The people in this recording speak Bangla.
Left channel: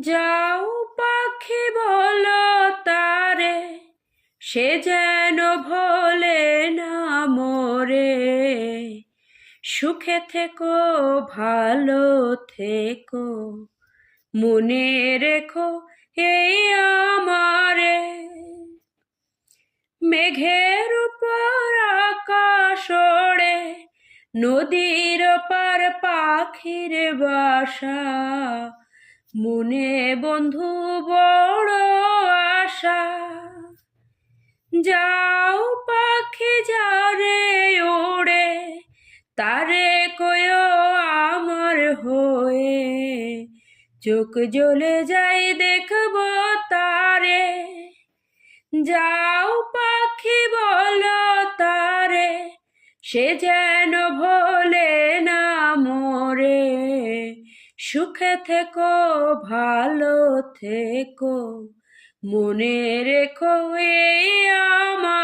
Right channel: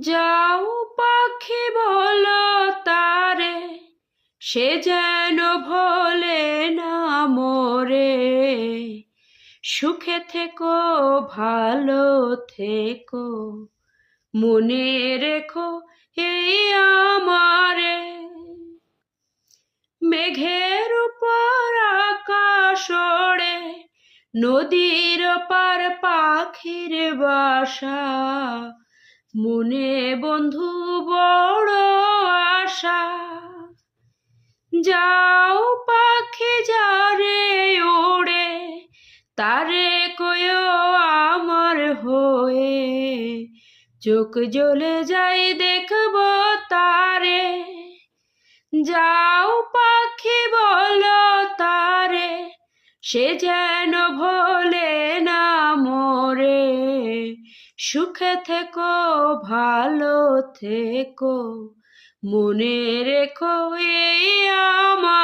যাও পাখি বলো তারে, সে যেন ভোলে না মোরে। সুখে থেকো, ভালো থেকো, মনে রেখো এই আমারে। মেঘের উপর আকাশ ওড়ে, নদীর পার পাখির বাসা, মনে বন্ধু বড় আশা। যাও পাখি যারে ওড়ে, তারে কয়ো আমার হয়ে, চোখ জ্বলে যাই দেখব তারে। যাও পাখি বলো তারে, সে যেন ভোলে না মোরে। সুখে থেকো, ভালো থেকো, মনে রেখো এই আমার।